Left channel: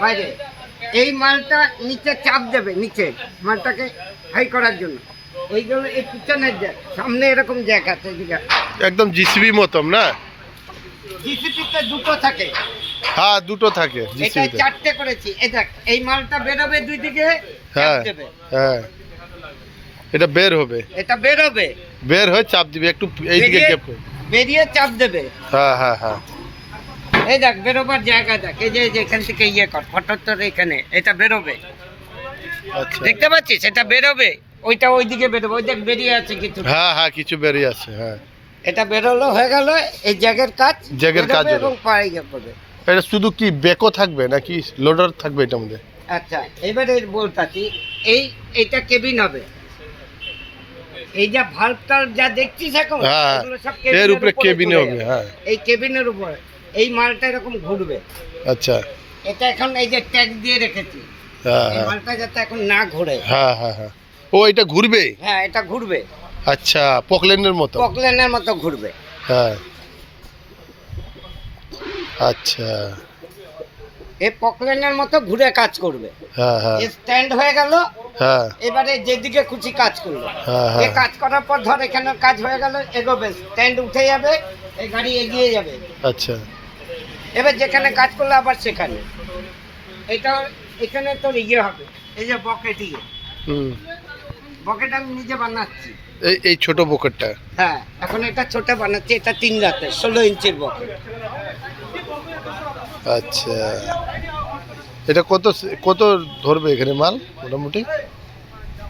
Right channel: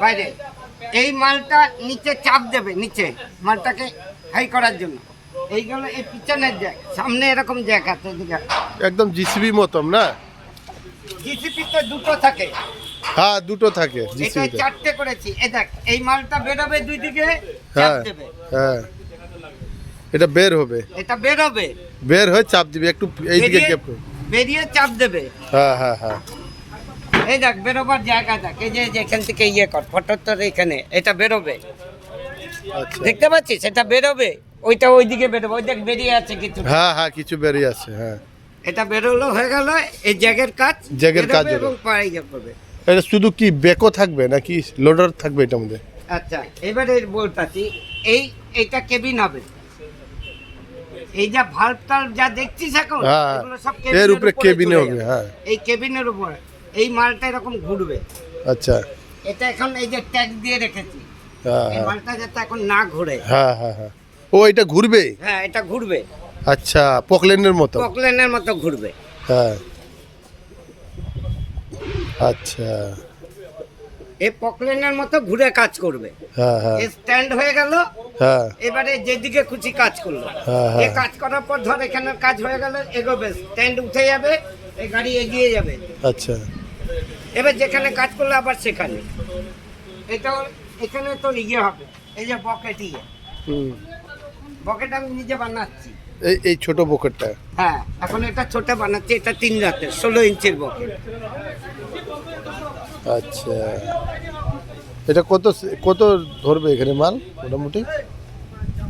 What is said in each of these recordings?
বাইরে এই মালটা নিচে চাপ দেবে, নিচে মালটাকে হাই করার জন্য। এইগুলো এই পিছনের জ্যাক, সামনে এরকম জ্যাক আছে এদিকে, একদম জিসিবি মতন না? জিসিপিতে দুটো থাকে। হ্যাঁ, দুটো থাকে এটা জিসিবিতে। 4টে করেছি। এই দেখ, এই মালটা বেরোবে দুই দিকে, চাপ হ্যাঁ দেবে। হ্যাঁ, এটা বের হবে, এটা বেরোবে, বের হয়ে চাপ দিবে একটু এইদিকে গ্যাপ। বেরিয়ে চাপ দেবে। হ্যাঁ হ্যাঁ হ্যাঁ, এই দেখ বেরোবার জায়গা দেখ, এই যে এখান থেকে ইয়ে কর ফটোর এখানে, এটা বেরোবে। আচ্ছা। দেখতে পাচ্ছিস এটা বেরোবে, ওইটা ওইদিকে বেরোবে। ওই দেখ বেরিয়ে আছে কিছু। হ্যাঁ হ্যাঁ, কিছু বেরিয়ে আছে। হ্যাঁ, এটা বেরোলো, হয়ে গেল এই জ্যাগের কাজ। জ্যাগের কাজ বেরোবে হলো। এবং পায়ে যাবে। এটা শুধু কি বেকও থাকবে নাকি লোডার থাকবে এটার মধ্যে? আচ্ছা, এবারে বলতাছি, এইটা কেবিন হবে। এই যা ভাল্ব টাল্ব যা দেখছিস এখন, হ্যাঁ, এগুলো সব এর উপরে কেবিনে চলে হবে। যাবে। হ্যাঁ, এই কেবিনের উপরে এই মালটা এরকম ঘুরবে। আচ্ছা। এটা এখন এই যে ট্যাগ দিয়ে রেখেছি, হ্যাঁ এই হ্যাঁ মালটা যাতে এখন না ঘোরে। হ্যাঁ হ্যাঁ হ্যাঁ, ও এটা ঘুরবে? হ্যাঁ, এটা ঘুরবে, আচ্ছা, পকলেনের মতো। পকলেনের মতো ঘুরবে। হ্যাঁ, আচ্ছা। এই পকলেনের মতো ঘুরে কাজ করবে। হ্যাঁ হ্যাঁ স্ট্যান্ড হয়ে গেল। হ্যাঁ এবারে যেদিকে খুশি কাজ করলো। হ্যাঁ হ্যাঁ, এই কাজ করার পর ধর এখানের কাজ হয়ে গেল, এগোবে, স্ট্যান্ড উঠে যাবে, এই গাড়ি এগিয়ে যাবে। আচ্ছা। এবার যেখানে কাজ করলো আবার সেখানে। এটা এখানে তোর ইয়ে হবে, এই যে বকেট, ইয়ে বকেট আমি নিজে বানাচ্ছি। এই ছোট পকেটটা? হ্যাঁ, এখন এটা ছোট বানাচ্ছি। এটা 3 রাতে 16 ইঞ্চির বকেট। আচ্ছা, এটা কত কত ধরবে এখানে মাল মোটামুটি?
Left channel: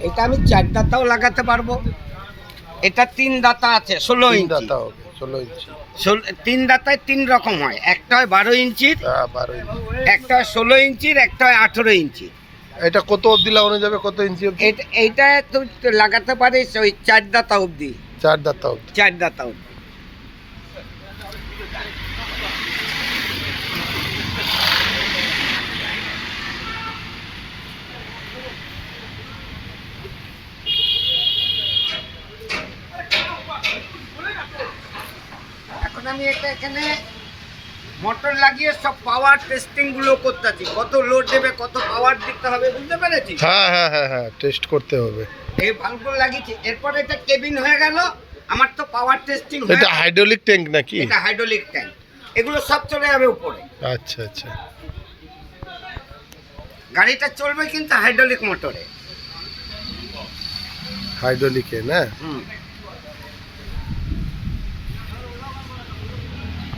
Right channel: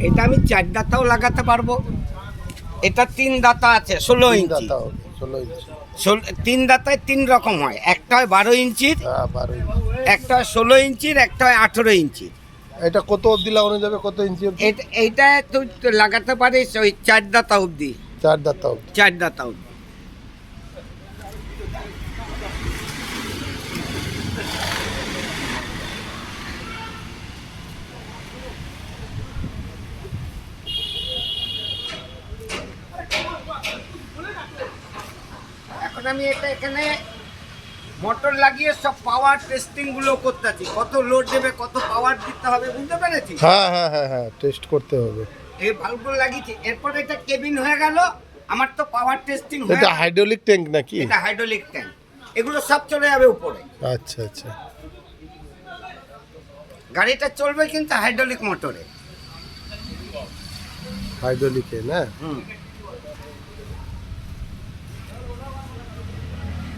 এটা আমি 4 দাতাও লাগাতে পারবো। এটা 3 দাতা আছে 16 তিন ইঞ্চি। দাতা হবে, 16 ইঞ্চি। 3 দাতায় 3 রকম হয়, একটা হয় 12 ইঞ্চির, হ্যাঁ, 12 ইঞ্চি। একটা হয় 16 ইঞ্চির, একটা হয় 18 ইঞ্চি। এটা কত অবধি লাগানো যাবে, কত ইঞ্চি অবধি? এইটা তুই লাগাতে পারিস ওই 4 দাতা অবধি। 4 দাতা অবধি। 4 দাতা অবধি। এখন আমি এটা এখানে মোটর লাগিয়ে সব পাওয়ার টেস্টিং গুলো করতেছি, কত লোড দেবে, কত পাওয়ার দিতে হবে, বুঝতে পেরেছি? হ্যাঁ হ্যাঁ হ্যাঁ হ্যাঁ, টেস্ট করতে হবে। এই ভালভগুলো লাগিয়েছি। এরপর এটা কেবিন হয়ে গেল। আমার তো পাওয়ার টেস্টিং এটা হাইড্রোলিক ট্যাঙ্ক নাকি? এটা হাইড্রোলিক ট্যাঙ্ক। এগুলো সব চলে যাবে উপরে। আচ্ছা আচ্ছা, গাড়িটা চলবে কিন্তু হাইড্রোলিক মোটরে। হাইড্রোলিকে না? হুম।